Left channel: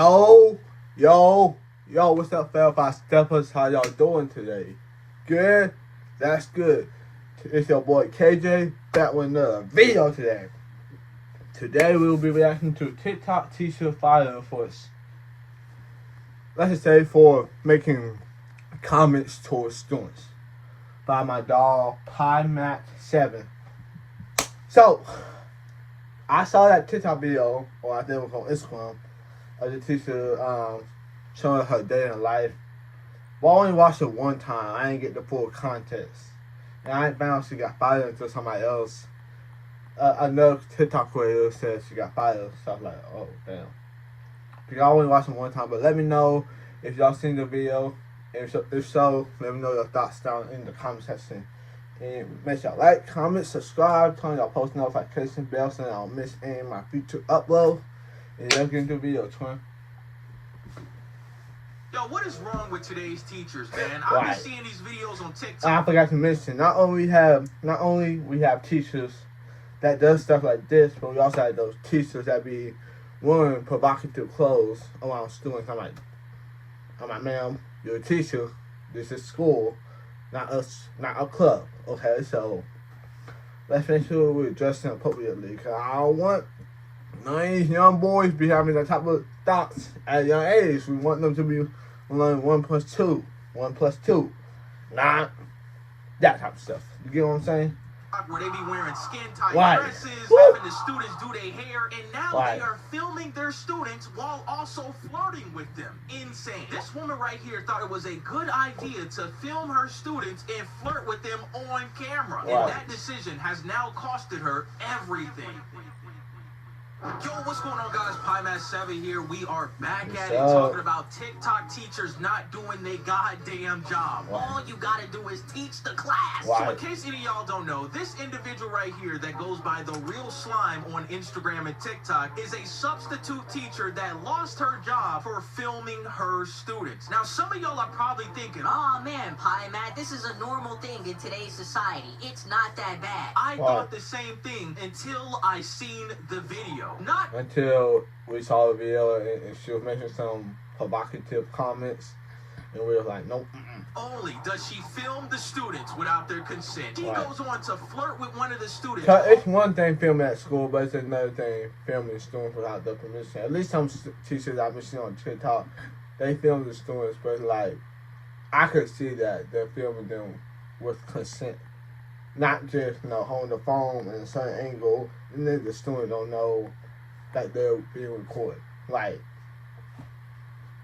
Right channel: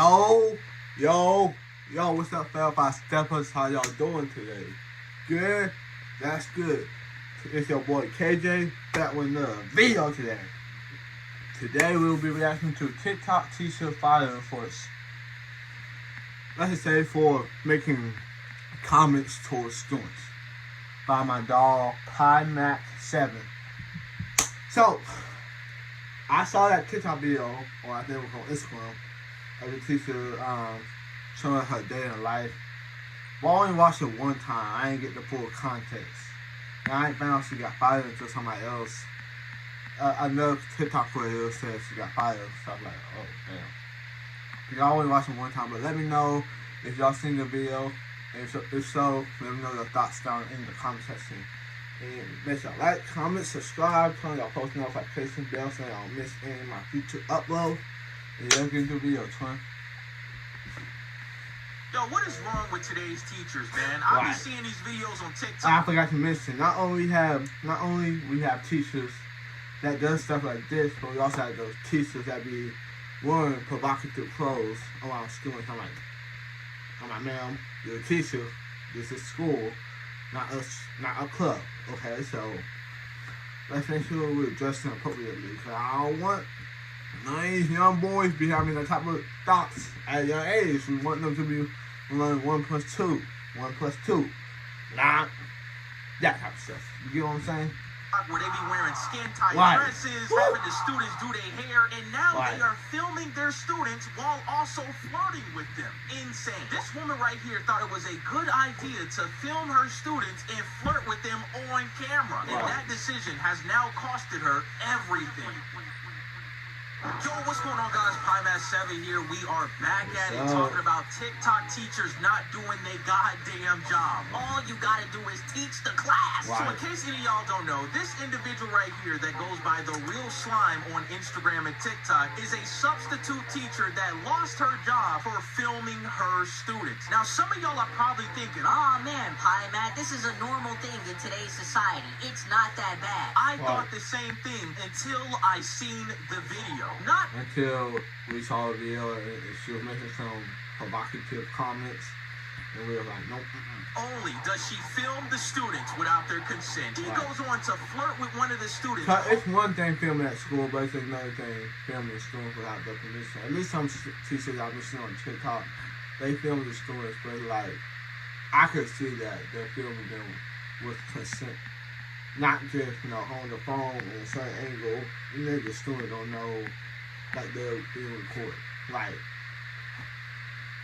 Yo, yo, what's up, fellas? Steppers, how y'all doing today? Good? That's good. It's your boy KJ, back with another video today. Today we will be reacting to TikTok teacher firing for, let's just say, for making comments towards students by my dog PieMatt7. So, I saw that TikTok video, or I think it was on Instagram, of the teacher showing her day in life. But I only watched it one time. I didn't get the full context. And I ain't found out she got fired until somebody else, another TikTok creator said she got fired. So I'm like, oh, damn. Because I only watched it one time. But let me know if y'all seen the video. If so, let me know your thoughts down in the comment section. And make sure y'all like, comment, subscribe, turn y'all post notification bell so y'all don't miss any of my future uploads. And let's get into the video, twin. Yo, what is wrong with today's teachers, man? I've been seeing these videos on TikTok. I forgot to mention, not only we have teachers that does stuff like this, but we also have those teachers that be wearing provocative clothes around students. I'm like, ma'am, you're a teacher. This is school, not a club. Okay, so let's make sure we're dressing appropriately. Cause I don't want none of these young boys be having the type of thoughts at a young age. We want them to be learning 1 + 2, 1 + 2, not that type of stuff. You get what I'm saying? Where they be wearing skin-tight dresses, Woo! having the students do their hair, and now they are filming their students while also flirting with them. Insane. This woman right here thought it was a good idea to film her students and flirt with them on camera. And that decision has now costed her everything. Yo, what's going on, guys? PieMatt7 here. We are back at it talking about TikTok teachers not doing their goddamn job. All you gotta do is teach the class. So in case any of y'all don't know, this individual right here that goes by the Real Slime on Instagram and TikTok is a substitute teacher that lost her job for filming her students. Now, some of y'all are probably thinking, oh man, PieMatt, this is a normal thing in today's society. It's not that bad. I thought the same thing until I seen the video. Until we saw the video and she was making some provocative comments, and we were like, nope. Only does she film the students without their consent. She goes on to flirt with one of the students. It's one thing filming at school, but it's another thing filming students without their permission. At least some teachers I've been seeing on TikTok, they film the students, but like, I could see that they're filming them with consent. Not just, holding the phone in a certain angle. The student don't know that they're being recorded. Like,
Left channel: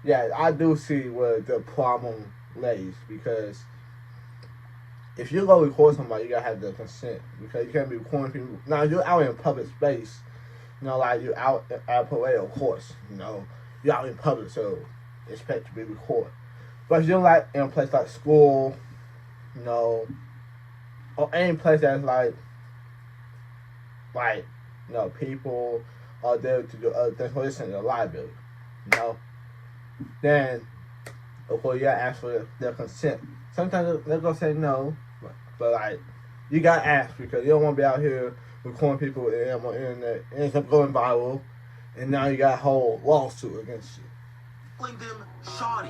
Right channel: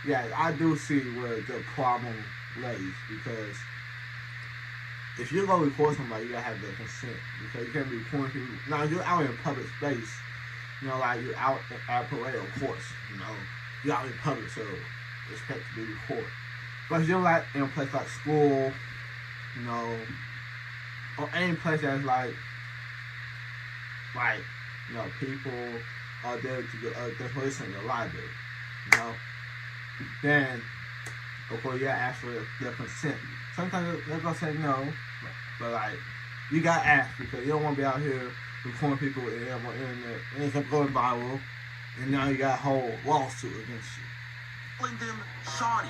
yeah, I do see where the problem lays, because if you go record somebody, you gotta have their consent, because you can't be recording people. Now, you're out in public space, like you're out at a parade, of course, you're out in public, so expect to be recorded. But if you're like in a place like school, or any place that's like people are there to listen to your library, then of course you gotta ask for their consent. Sometimes they're gonna say no, but like, you gotta ask, because you don't want to be out here recording people on the internet and it's going viral, and now you got a whole lawsuit against you. Shawty.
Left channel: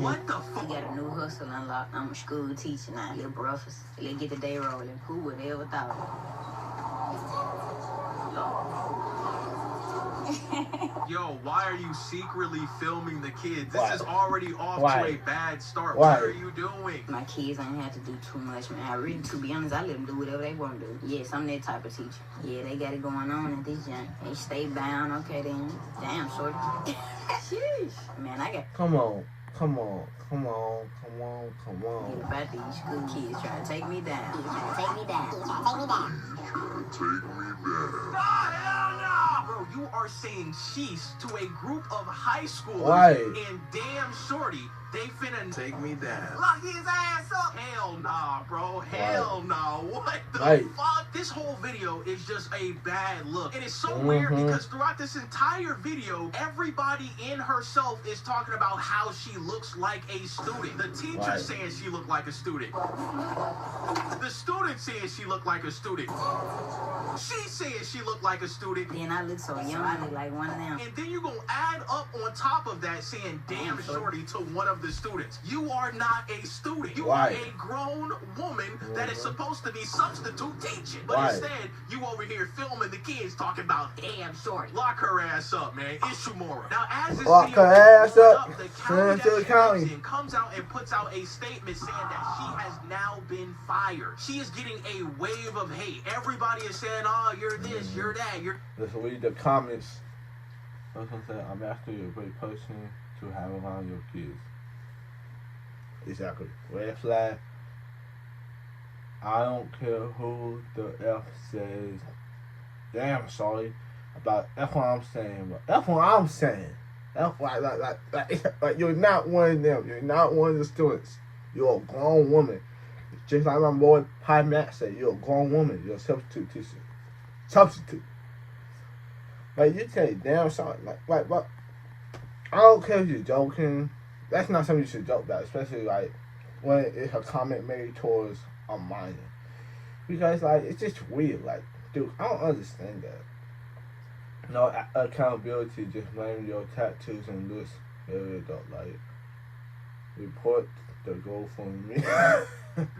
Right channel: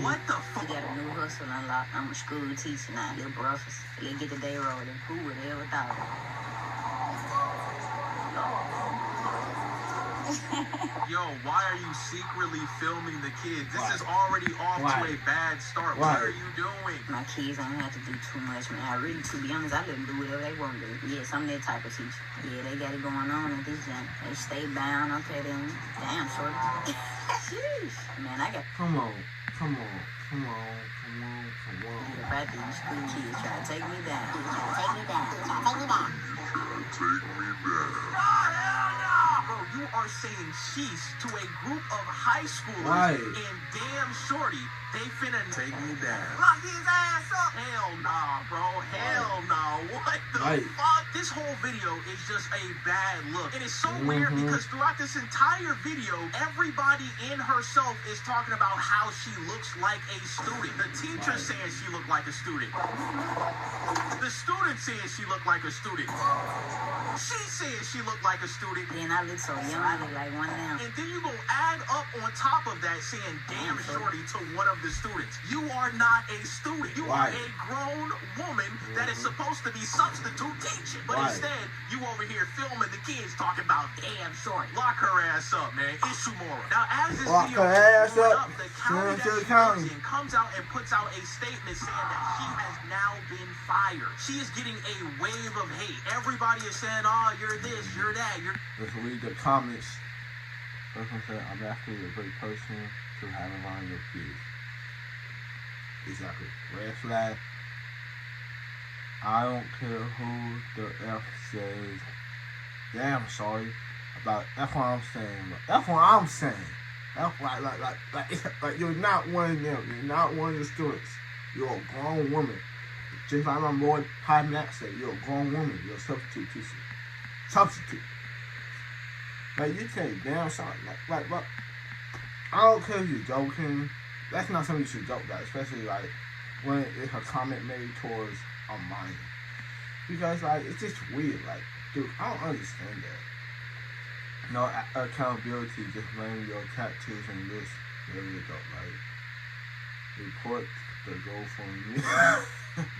What the fuck? You got a new hustle unlocked. I'm a school teacher now, little brothers. They get the day rolling. Who would ever thought? Yo, why are you secretly filming the kids? This is already off to a bad start. What are you doing? My kids don't have to do too much, man. I really, to be honest, I let them do whatever they want to do. Yes, I'm that type of teacher. Yeah, they got it going on at this gym. They stay bound, okay, then. Damn, short. Sheesh. Man, I got... Come on. About these good kids trying to take me down. Bro, you are saying sheesh to a group of high schoolers, and damn shorty, they finna take me down. Lock his ass up. Hell nah, bro. Hell nah. What the fuck? This whole video is just a bad look. And it's so weird because throughout this entire video, everybody in herself is talking about how she looks like a student. The teacher saying she looked like a student. The student saying she looked like a student. She said she looked like a student. And I look so You don't look like one of them. And then you gonna add up on top of that saying, damn shorty, to one of the students. You are not a student. You are a grown woman that is supposed to be substitute teaching. But instead, you over here filming the kids talking about damn shorty. Lock her ass up, man. Issue moral. Now, as this Lock video her ass goes up. the Send county her to the that she county. lives in comes out and puts out a statement saying that she has now been fired. She is getting a wave of hate. Everybody is saying, oh, you're this, you're that, you're... Let's read the comments. Person said, I'm actually a great person to have around your kids. Exactly. Red flag. I don't care who the F says. Damn, sorry. That's what I'm saying. That's what I'm saying. That's like you're not one of them. You're not one of the students. You're a grown woman. Just like my boy PieMatt said, you're a grown woman. You're a substitute teacher. Substitute. Like you say, damn sorry. But I don't care if you're joking. That's not something you should joke about, especially like when it's a comment made towards a minor. Because like it's just weird. Like, dude, I don't understand that. No accountability, just blaming your tattoos and this. There we go. Like, report the GoFundMe.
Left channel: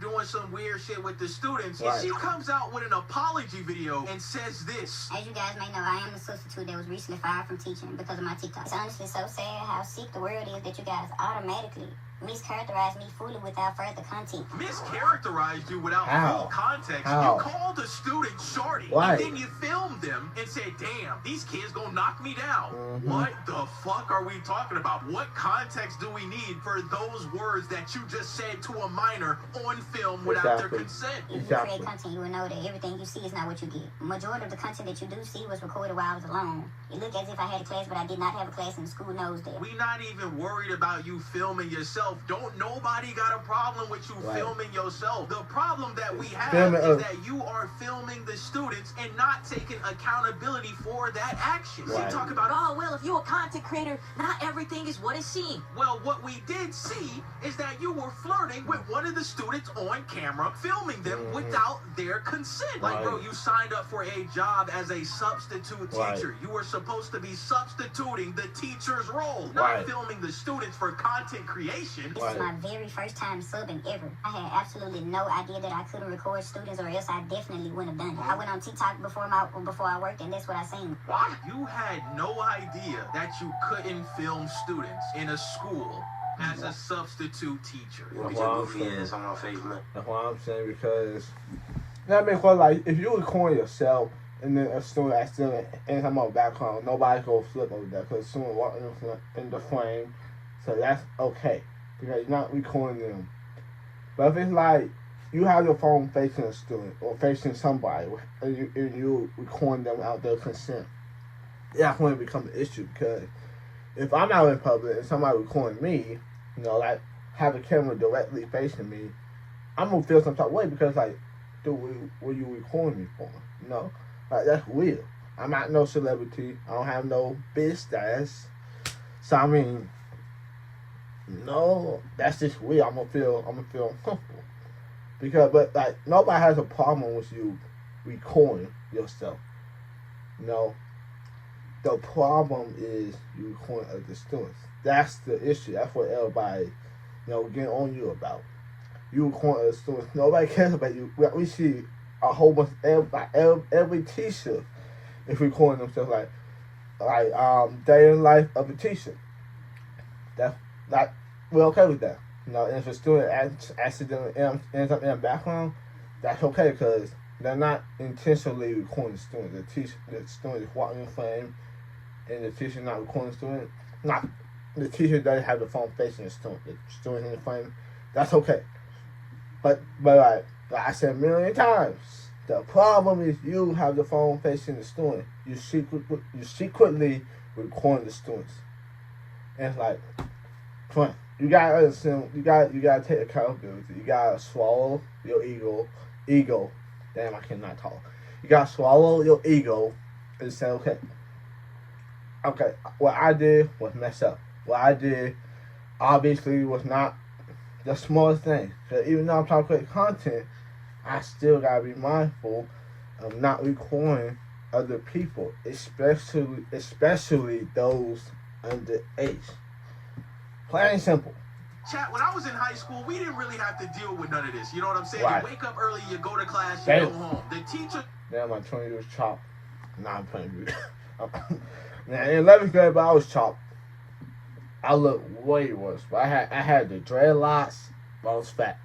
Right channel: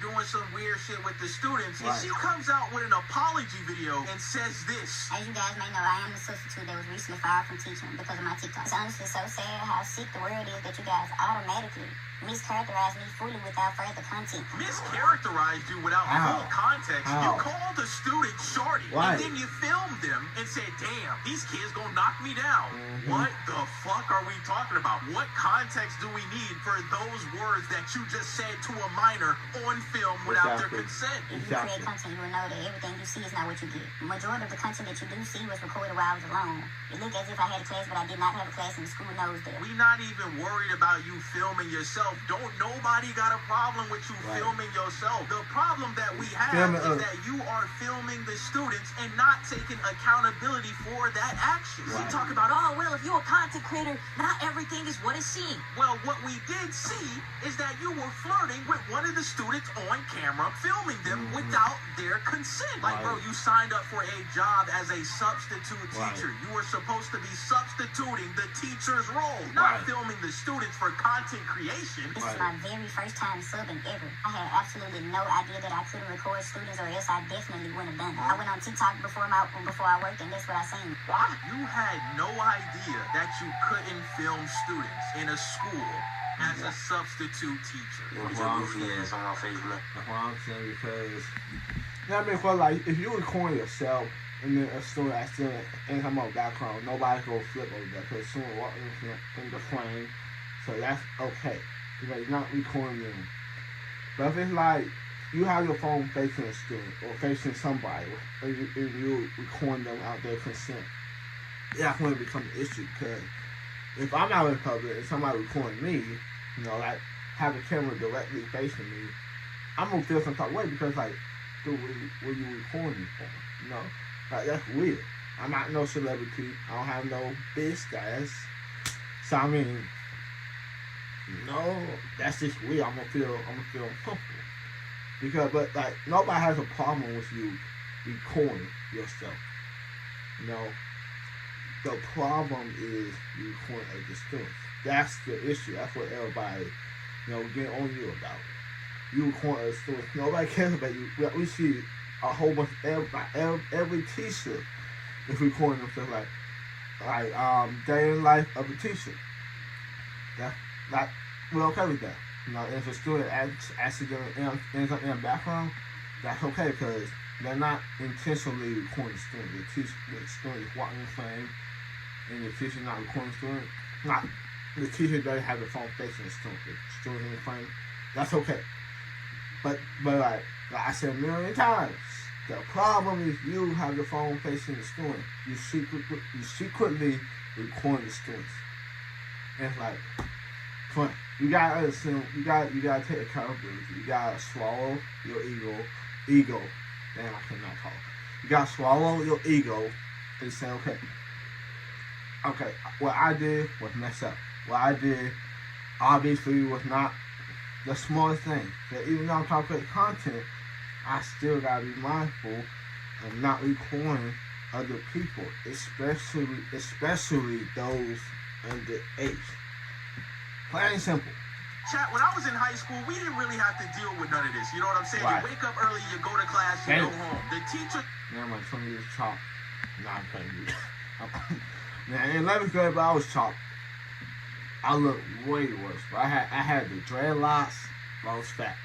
doing some weird shit with the students. And she comes out with an apology video and says this. As you guys may know, I am a substitute that was recently fired from teaching because of my TikTok. It's honestly so sad how sick the world is that you guys automatically mischaracterized me fully without further content. Mischaracterized you without How? full context. How? You called the student shorty. Right. And then you filmed them and said, damn, these kids gonna knock me down. What the fuck are we talking about? What context do we need for those words that you just said to a minor on film without their consent? If you create content, you will know that everything you see is not what you get. Majority of the content that you do see was recorded while I was alone. It looked as if I had a class, but I did not have a class, and the school knows that. We not even worried about you filming yourself. Don't nobody got a problem with you filming yourself. The problem that we have is that you are filming the students and not taking accountability for that action. We talk about, oh, well, if you're a content creator, not everything is what it seems. Well, what we did see is that you were flirting with one of the students on camera, filming them without their consent. Like, bro, you signed up for a job as a substitute teacher. You were supposed to be substituting the teacher's role, not filming the students for content creation. This is my very first time subbing ever. I had absolutely no idea that I couldn't record students, or else I definitely wouldn't have done it. I went on TikTok before I worked, and that's what I seen. You had no idea that you couldn't film students in a school as a substitute teacher. That's what I'm saying. That's what I'm saying, because that makes what, like, if you record yourself and then a student accidentally in some other background, nobody's gonna flip over that because the student walked in the frame, so that's okay. Because you're not recording them. But if it's like you have your phone facing a student or facing somebody, and you recording them without their consent, that's when it becomes an issue. Because if I'm out in public and somebody recording me, you know, like have a camera directly facing me, I'm gonna feel some type of way because, like, dude, what you recording me for? You know, like, that's weird. I'm not no celebrity. I don't have no big status. So I mean, no, that's just weird. I'm gonna feel uncomfortable because, but like, nobody has a problem with you recording yourself. You know, the problem is you recording other students. That's the issue. That's what everybody, you know, get on you about. You recording other students. Nobody cares about you. We see a whole bunch of every teacher is recording themselves like day in life of a teacher. That's like, we're okay with that. You know, if a student accidentally ends up in a background, that's okay because they're not intentionally recording the student. The student is walking in frame, and the teacher not recording the student. Not the teacher doesn't have the phone facing the student. The student in frame, that's okay. But like I said a million times, the problem is you have the phone facing the student. You secretly recording the students, and it's like, fun. You gotta understand. You gotta take accountability. You gotta swallow your ego. Damn, I cannot talk. You gotta swallow your ego and say, okay, what I did was messed up. What I did obviously was not the smallest thing. But even though I'm talking about content, I still gotta be mindful of not recording other people, especially those underage. Plain and simple. Chat, when I was in high school, we didn't really have to deal with none of this. You know what I'm saying? Right. You wake up early, you go to class, you Damn. go home. The teacher... Now my 20 years chopped. Nah, I'm playing with you. Now in 11th grade, but I was chopped. I looked way worse. But I had the dreadlocks, but I was fat.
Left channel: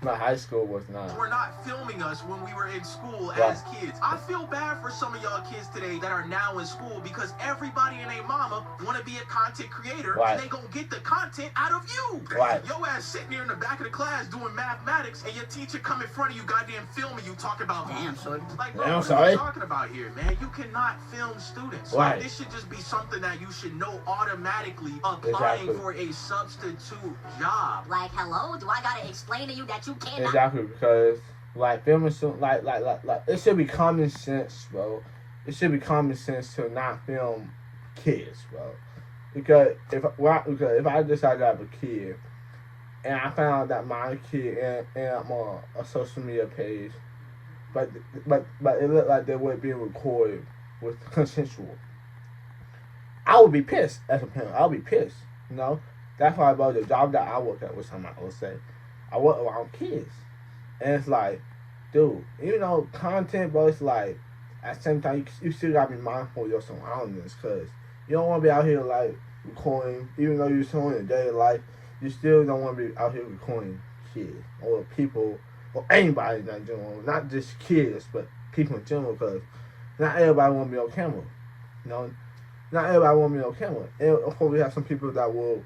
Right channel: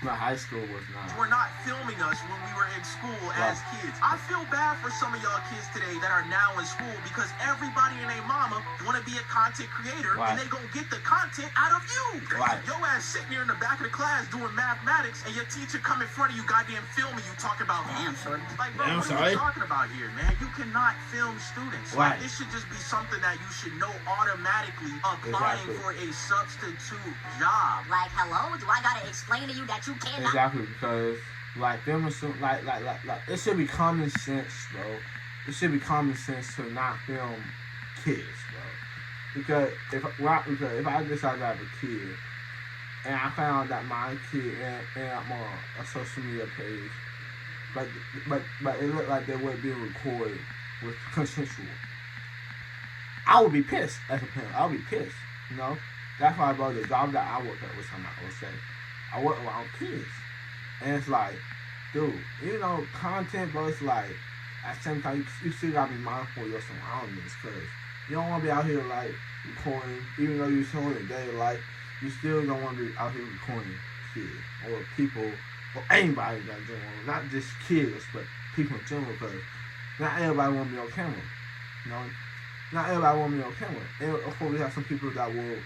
My high school was not. We're not filming us when we were in school Right. as kids. I feel bad for some of y'all kids today that are now in school because everybody and their mama want to be a content creator Right. and they gonna get the content out of you. Right. Your ass sitting there in the back of the class doing mathematics and your teacher come in front of you goddamn filming you talking about Damn, shorty. like, bro, Damn, what sorry. are you talking about here, man? You cannot film students. Right. Like, this should just be something that you should know automatically applying Exactly. for a substitute job. Like, hello? Do I gotta explain to you that you cannot? Exactly, because like filming like it should be common sense, bro. It should be common sense to not film kids, bro. Because if I decide to have a kid and I found that my kid and a social media page, but it looked like they were being recorded with consensual, I would be pissed as a parent. I would be pissed, you know. That's why, bro, the job that I work at, which I'm not gonna say, I work around kids. And it's like, dude, you know, content, bro, it's like, at the same time, you still gotta be mindful of your surroundings, because you don't want to be out here, like, recording, even though you're showing your daily life, you still don't want to be out here recording kids, or people, or anybody in general, not just kids, but people in general, because not everybody want to be on camera, you know? Not everybody want to be on camera. And of course, we have some people that will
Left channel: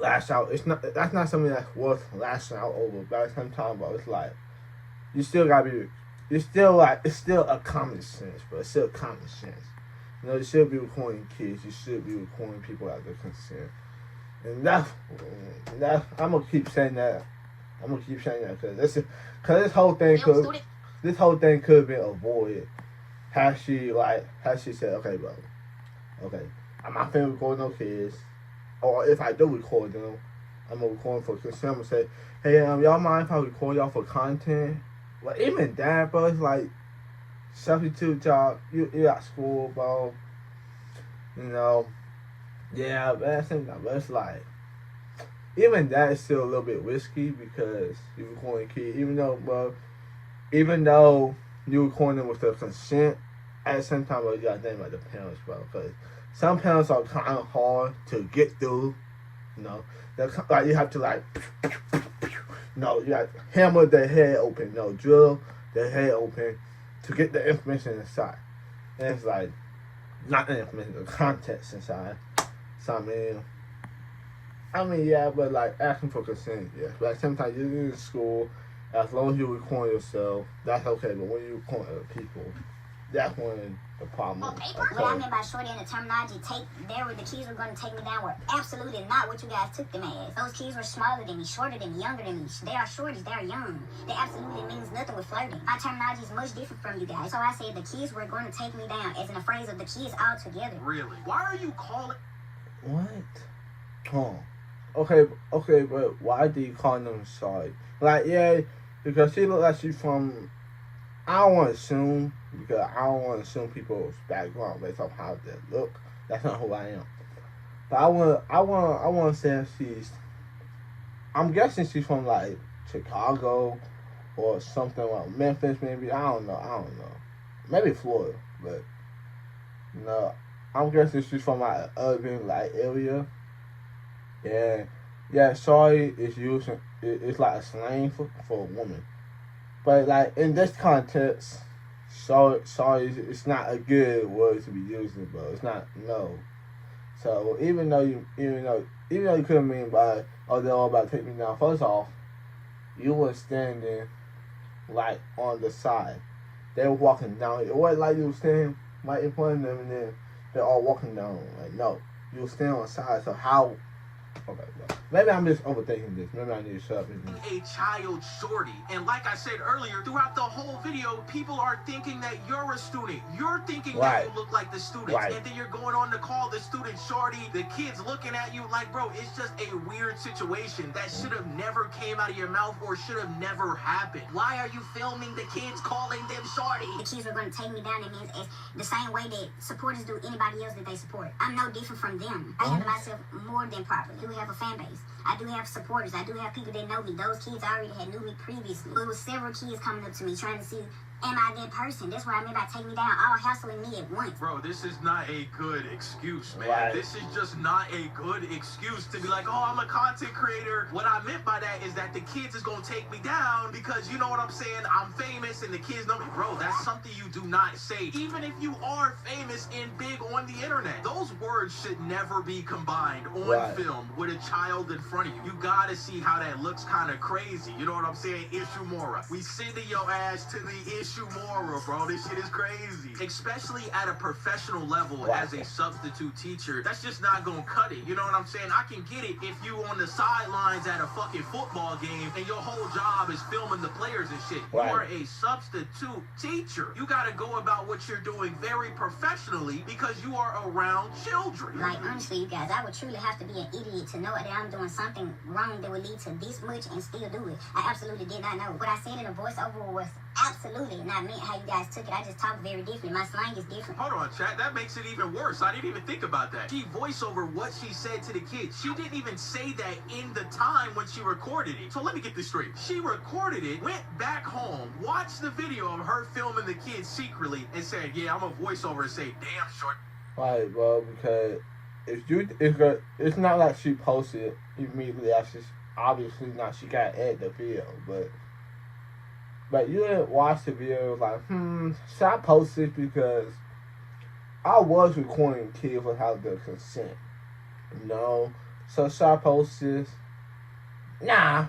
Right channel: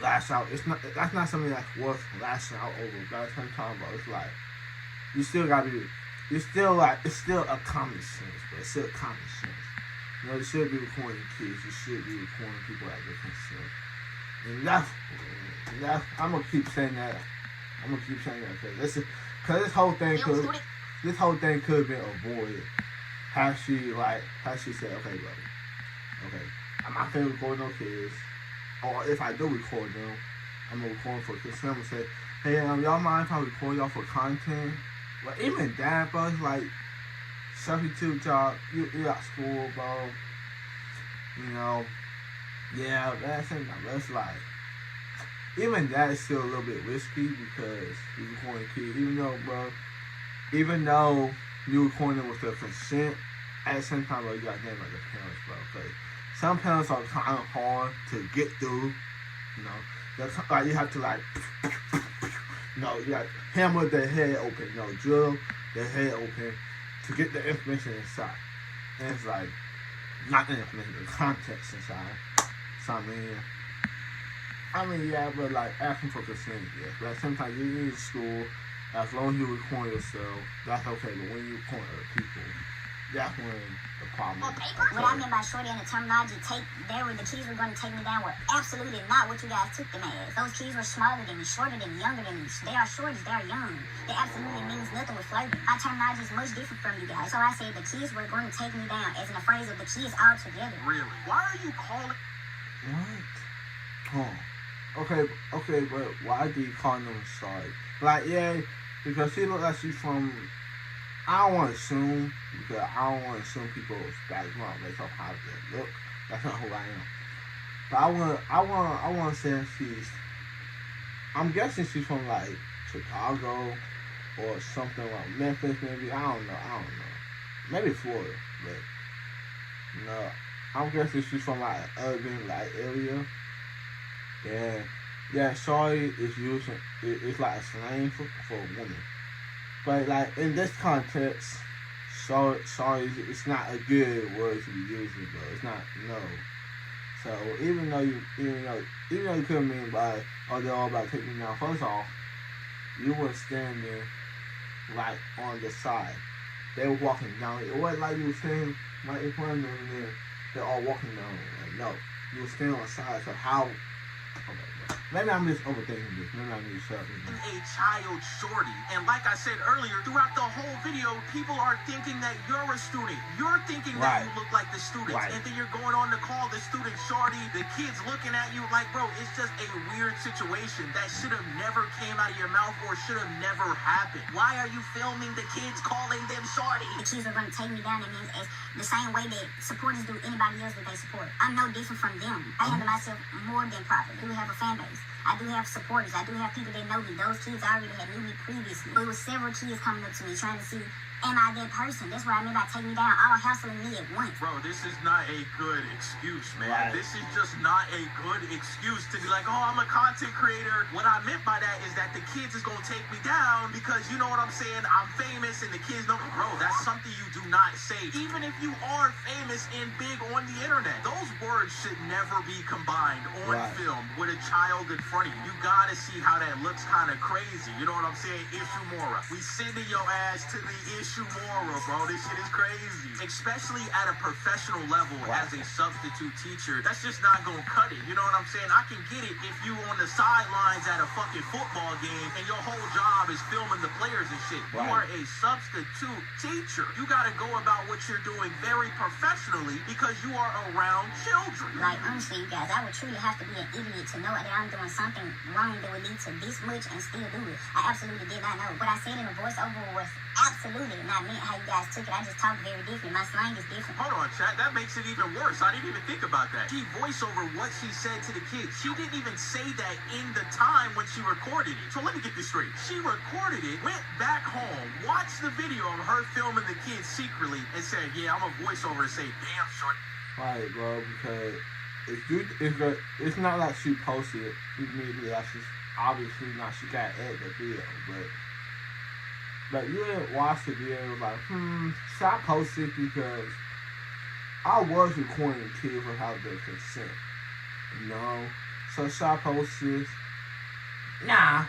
lash out. That's not something that's worth lashing out over. But at the same time, bro, it's like you still gotta be. It's still a common sense, but it's still common sense. You know, you should be recording kids. You should be recording people at their consent. And that's I'm gonna keep saying that. I'm gonna keep saying that because this whole thing could have been avoided had she said, okay, bro, okay, I'm not finna record no kids. Or if I do record them, I'm gonna record for consent. I'm gonna say, hey, y'all mind if I record y'all for content? But even that, bro, it's like substitute job. You at school, bro. You know, yeah, that's it. But it's like even that is still a little bit risky because you recording kids. Even though you recording with their consent, at the same time, bro, you gotta think about the parents, bro, because some parents are kind of hard to get through, you know. Like you have to you got to hammer their head open, drill their head open to get the information inside. And it's like not the information, the context inside. So I mean, yeah, but like asking for consent, yeah. But sometimes you're in school, as long as you record yourself, that's okay. But when you record other people, that's when the problem is. What I mean by shorty and the terminology, the kids were going to take me down were absolutely not what you guys took them as. Those kids were smaller than me, shorter than me, younger than me. They are shorties, they are young. They absolutely means nothing with flirting. My terminology is much different from you guys. So I said the kids were going to take me down as in the phrase of the kids all together. Really? Why are you calling... What? Okay, but why do you call them sorry? Like, yeah, because she look like she's from... I don't want to assume, because I don't want to assume people's background based off how they look. That's not who I am. But I want to say I'm guessing she's from like Chicago or something like Memphis, maybe. I don't know. Maybe Florida, but no. I'm guessing she's from like an urban like area. Yeah. Sorry is using it's like a slang for a woman. But like in this context, sorry, it's not a good word to be using, bro. It's not, no. So even though you couldn't mean by, oh, they're all about to take me down. First off, you were standing like on the side. They were walking down. It wasn't like you were standing right in front of them and then they're all walking down. Like, no, you were standing on the side. So how Okay, bro. Maybe I'm just overthinking this. Maybe I need to shut up. A child shorty. And like I said earlier, throughout the whole video, people are thinking that you're a student. You're thinking that you look like the students. Right. And then you're going on to call the student shorty. The kid's looking at you like, bro, it's just a weird situation that should have never came out of your mouth or should have never happened. Why are you filming the kids calling them shorty? The kids are going to take me down. It means it's the same way that supporters do anybody else that they support. I'm no different from them. I handle myself more than properly. I do have a fan base. I do have supporters. I do have people that know me. Those kids already had knew me previously. There was several kids coming up to me trying to see, am I that person? That's what I mean by take me down, all hassling me at once. Bro, this is not a good excuse, man. Right. This is just not a good excuse to be like, oh, I'm a content creator. What I meant by that is that the kids is going to take me down because, you know what I'm saying, I'm famous and the kids know me. Bro, that's something you do not say. Even if you are famous and big on the internet, those words should never be combined on film with a child in front of you. You got to see how that looks kind of crazy. You know what I'm saying? Ishimura. We sending your ass to the Ishimura, bro. This shit is crazy. Especially at a professional level as a substitute teacher. That's just not gonna cut it. You know what I'm saying? I can get it if you on the sidelines at a fucking football game and your whole job is filming the players and shit. You are a substitute teacher. You gotta go about what you're doing very professionally because you are around children. Like, honestly, you guys, I would truly have to be an idiot to know that I'm doing something wrong that would lead to this much and still do it. I absolutely did not know. What I said in the voiceover was absolutely not meant how you guys took it. I just talk very different. My slang is different. Hold on, chat. That makes it even worse. I didn't even think about that. She voiced over what she said to the kids. She didn't even say that in the time when she recorded it. So let me get this straight. She recorded it, went back home, watched the video of her filming the kids secretly, and said, yeah, I'm a voiceover and say, damn, short. Right, bro, because it's not like she posted it immediately. That's just obviously not. She got to edit the video, but you didn't watch the video like, should I post it? Because I was recording the kid without their consent, you know? So should I post this? Nah.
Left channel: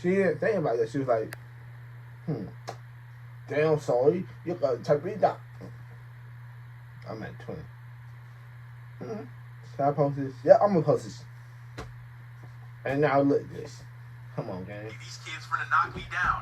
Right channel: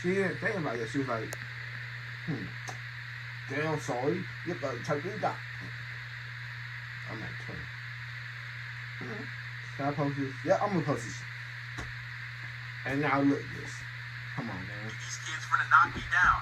She didn't think about it. She was like, damn, sorry. You gotta take me down. I'm at 20. Should I post this? Yeah, I'm gonna post this. And now look at this. Come on, gang. These kids finna knock me down.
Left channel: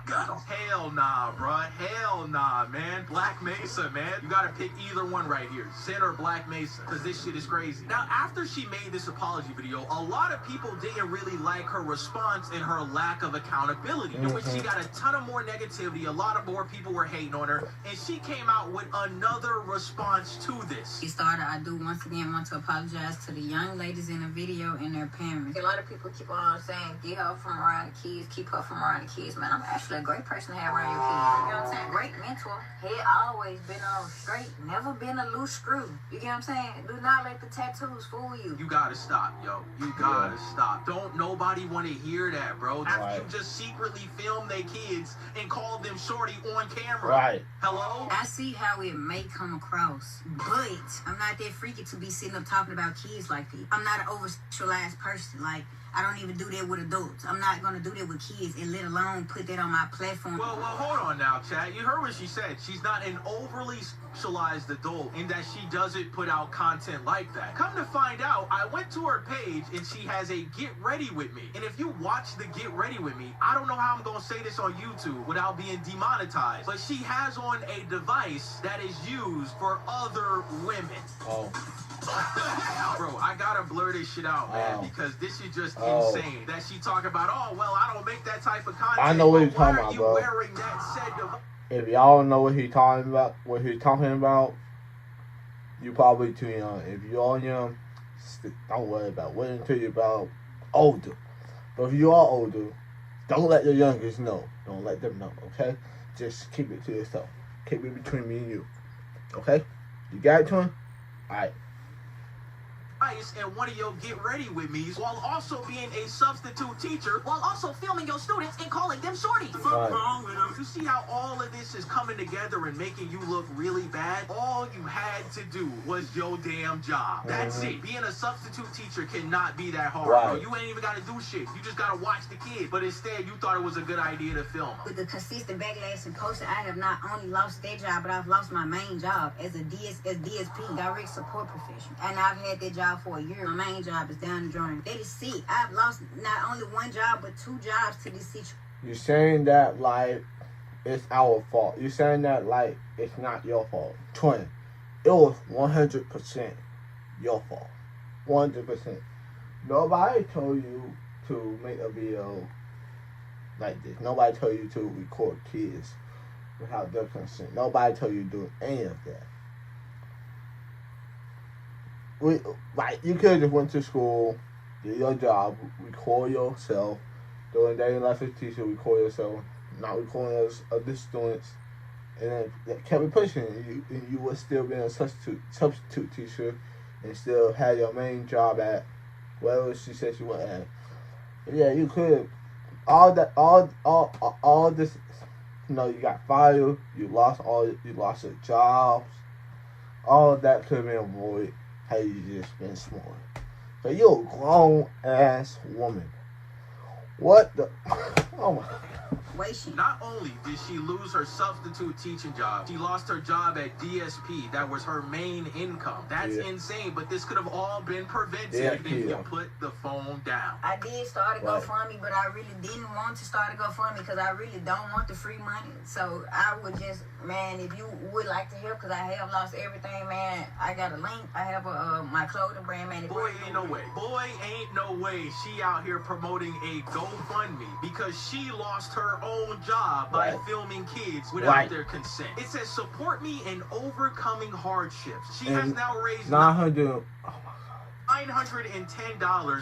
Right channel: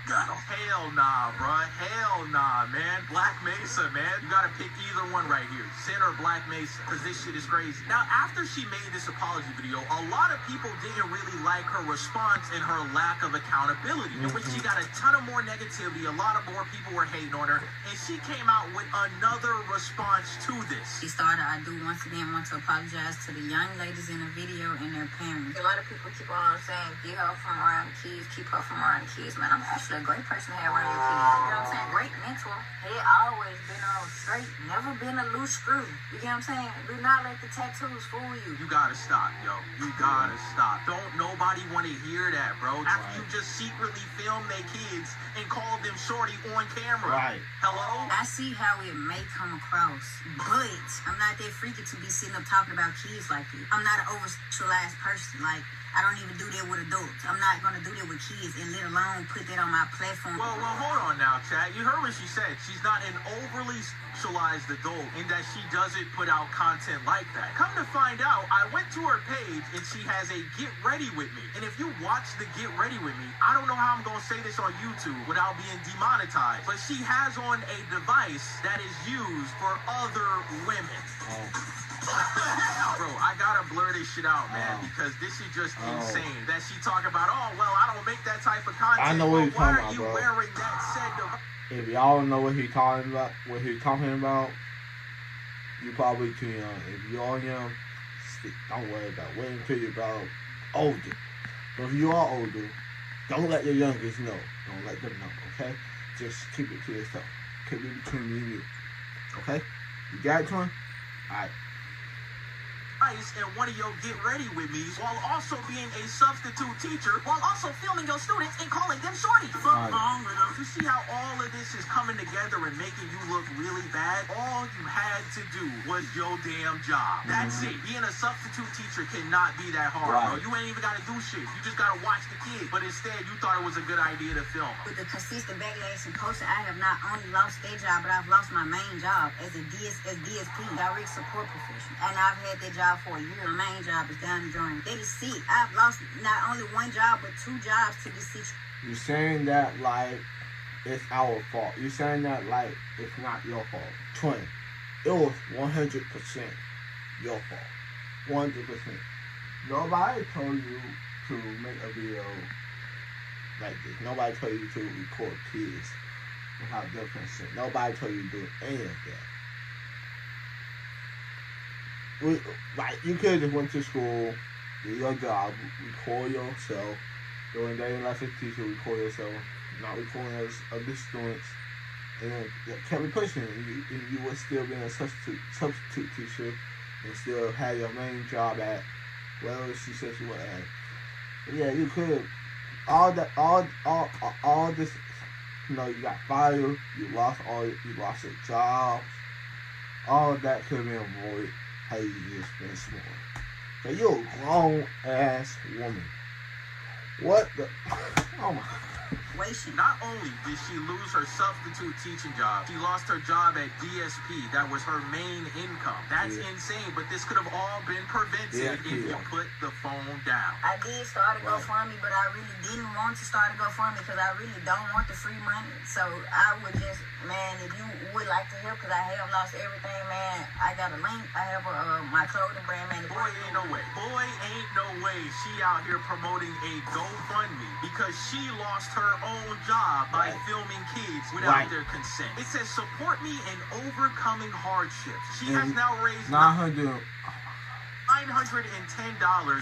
Hell nah, bro. Hell nah, man. Black Mesa, man. You gotta pick either one right here. Sin or Black Mesa. Because this shit is crazy. Now, after she made this apology video, a lot of people didn't really like her response and her lack of accountability. In which she got a ton of more negativity. A lot of more people were hating on her. And she came out with another response to this. She started, I do once again want to apologize to the young ladies in the video and their parents. A lot of people keep on saying, get her from around the kids, keep her from around the kids. Man, I'm actually a great person to have around your kids. You know what I'm saying? Great mentor. Head always been on straight, never been a loose screw. You get what I'm saying? Do not let the tattoos fool you. You gotta stop, yo. You gotta stop. Don't nobody want to hear that, bro. After you just secretly film their kids and call them shorty on camera. Right. Hello? I see how it may come across, but I'm not that freaky to be sitting up talking about kids like this. I'm not an over-sexualized person. Like, I don't even do that with adults. I'm not going to do that with kids and let alone put that on my platform. Well, hold on now, Chad. You heard what she said. She's not an overly sexualized adult in that she doesn't put out content like that. Come to find out, I went to her page and she has a Get Ready With Me. And if you watch the Get Ready With Me, I don't know how I'm going to say this on YouTube without being demonetized, but she has on a device that is used for other women. Oh. Bro, I gotta blur this shit out, man, because this is just insane. That she talking about, oh, well, I don't make that type of content. I know what he's talking Why are about, you bro. wearing that said device? If y'all know what he's talking about, you probably too young. If you're young, don't worry about it. Wait until you're about older. But if you are older, don't let the youngest know. Don't let them know, okay? Just keep it to yourself. Keep it between me and you. Okay? You got it, twin? Alright. And one of your Get Ready With Me's while also being a substitute teacher While also filming your students and calling them shorty. What's wrong with them? To see how all of this is coming together and making you look really bad, all you had to do was your damn job. That's it. Being a substitute teacher cannot be that hard. Bro. You ain't even got to do shit. You just got to watch the kids. But instead, you thought it was a good idea to film. With the consistent backlash and posting, I have not only lost that job, but I've lost my main job as a DSP, direct support professional. And I've had that job job for a year. My main job is down the joint. They just see I've lost not only one job but 2 jobs to this situation. You're saying that like it's our fault. You're saying that like it's not your fault. Twin, it was 100% your fault. 100%. Nobody told you to make a video like this. Nobody told you to record kids without their consent. Nobody told you to do any of that. Like you could have just went to school, did your job, record yourself, during day lesson teacher, record yourself, not recording other students, and then kept it pushing. And you would still be a substitute teacher, and still have your main job at wherever she said she went at. And yeah, you could. All this. You know, you got fired. You lost your jobs. All of that could have been avoided had you just been smart. But you're a grown ass woman. What the? Oh my. Not only did she lose her substitute teaching job, she lost her job at DSP. That was her main income. That's insane, but this could have all been prevented if you put the phone down. I did start a GoFundMe, but I really didn't want to start a GoFundMe because I really don't want the free money. So I would just, man, if you would like to help, because I have lost everything, man, I got a link. I have my clothing brand, man. Boy, ain't no way. Boy, ain't no way she out here promoting a GoFundMe because she lost her own job by filming kids without their consent. It says support me in overcoming hardships. She has now raised $910.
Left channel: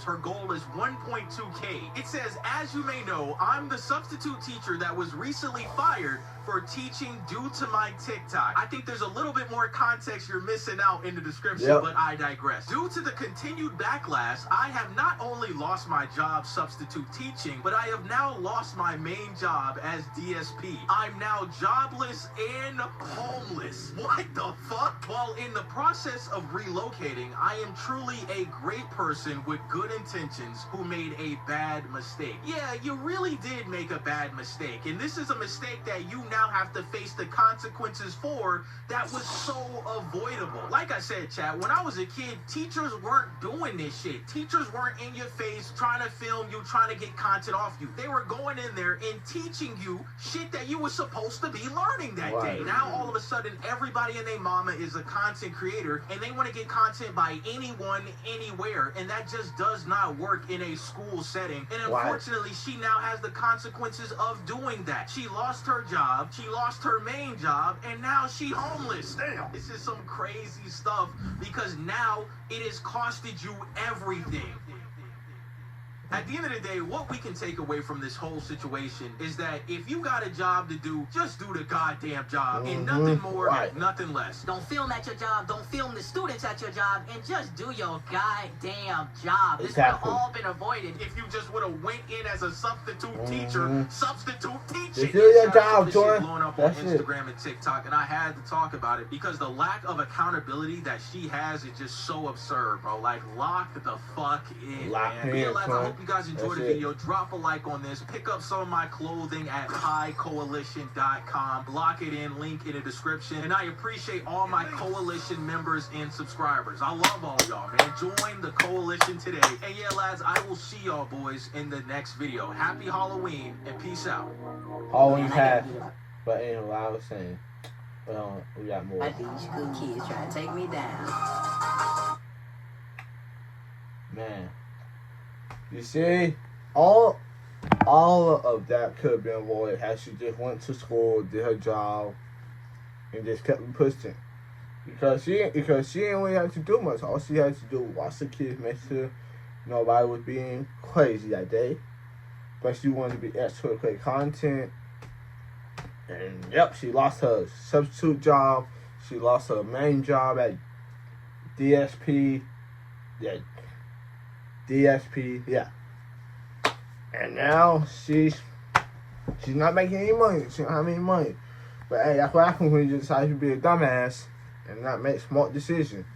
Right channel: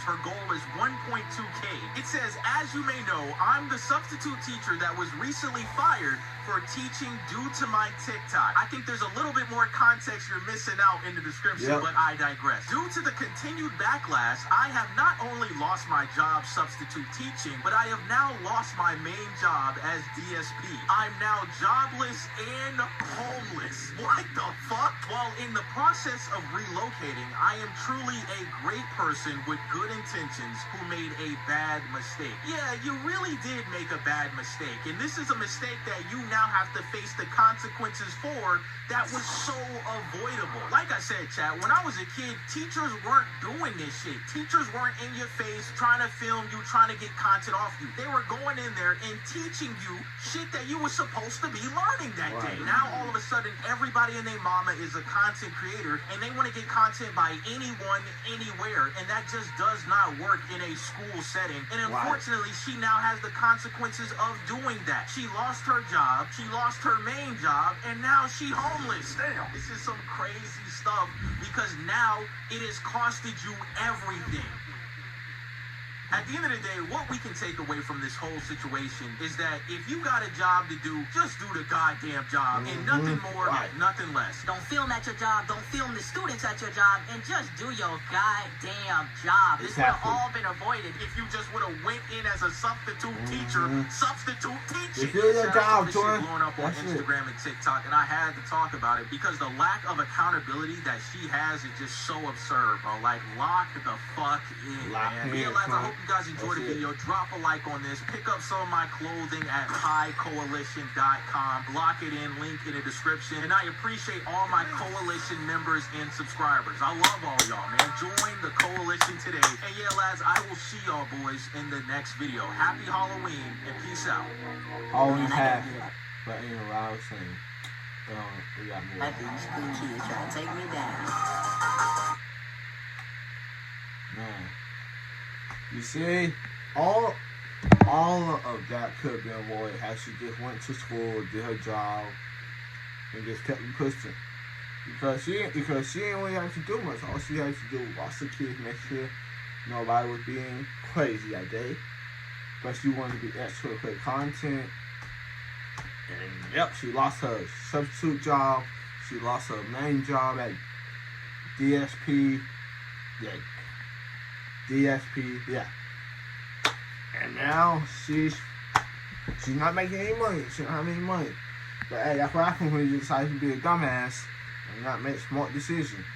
Her goal is 1.2K. It says, as you may know, I'm the substitute teacher that was recently fired for teaching due to my TikTok. I think there's a little bit more context you're missing out in the description, but I digress. Due to the continued backlash, I have not only lost my job substitute teaching, but I have now lost my main job as DSP. I'm now jobless and homeless. What the fuck? While in the process of relocating, I am truly a great person with good intentions who made a bad mistake. Yeah, you really did make a bad mistake, and this is a mistake that you now have to face the consequences for that was so avoidable. Like I said, chat, when I was a kid, teachers weren't doing this shit. Teachers weren't in your face trying to film you, trying to get content off you. They were going in there and teaching you shit that you were supposed to be learning that day. Now, all of a sudden, everybody and their mama is a content creator, and they want to get content by anyone, anywhere, and that just does not work in a school setting. And unfortunately, she now has the consequences of doing that. She lost her job, she lost her main job, and now she homeless. Damn. This is some crazy stuff because now it has costed you everything. At the end of the day, what we can take away from this whole situation is that if you got a job to do, just do the goddamn job and nothing more, nothing less. Don't film at your job, don't film the students at your job, and just do your goddamn job. This would have all been avoided if you just would have went in as a substitute teacher, substitute teaching. Just do your job, Jordan. Blowing up on Instagram and TikTok, and I had to talk about it because the lack of accountability that she has is just so absurd, bro. Like, lock the fuck in, man. I hope you guys enjoyed the video. Drop a like on this. Pick up some of my clothing at PieCoalition.com. Lock it in. Link in the description. And I appreciate all my coalition members and subscribers. I love all y'all, man. Join the coalition today. And yeah, lads, I will see y'all boys in the next video. Happy Halloween and peace out. Halloween passed. But anyway, I was saying, we got more. I think these good kids trying to take me down. Man. You see, all of that could have been avoided had she just went to school, did her job, and just kept pushing. Because she didn't really have to do much. All she had to do was watch the kids, make sure nobody was being crazy that day. But she wanted to be extra to create content. And yep, she lost her substitute job. She lost her main job at DSP. DSP, and now she's not making any money. She don't have any money. But hey, that's what happens when you decide to be a dumbass and not make smart decisions.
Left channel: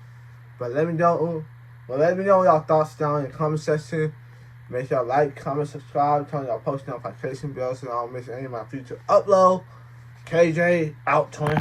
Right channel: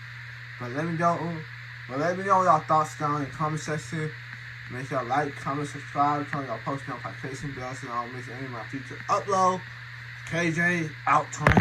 But let me know y'all thoughts down in the comment section. Make sure y'all like, comment, subscribe, turn y'all post notification bells so y'all don't miss any of my future upload. KJ out 20.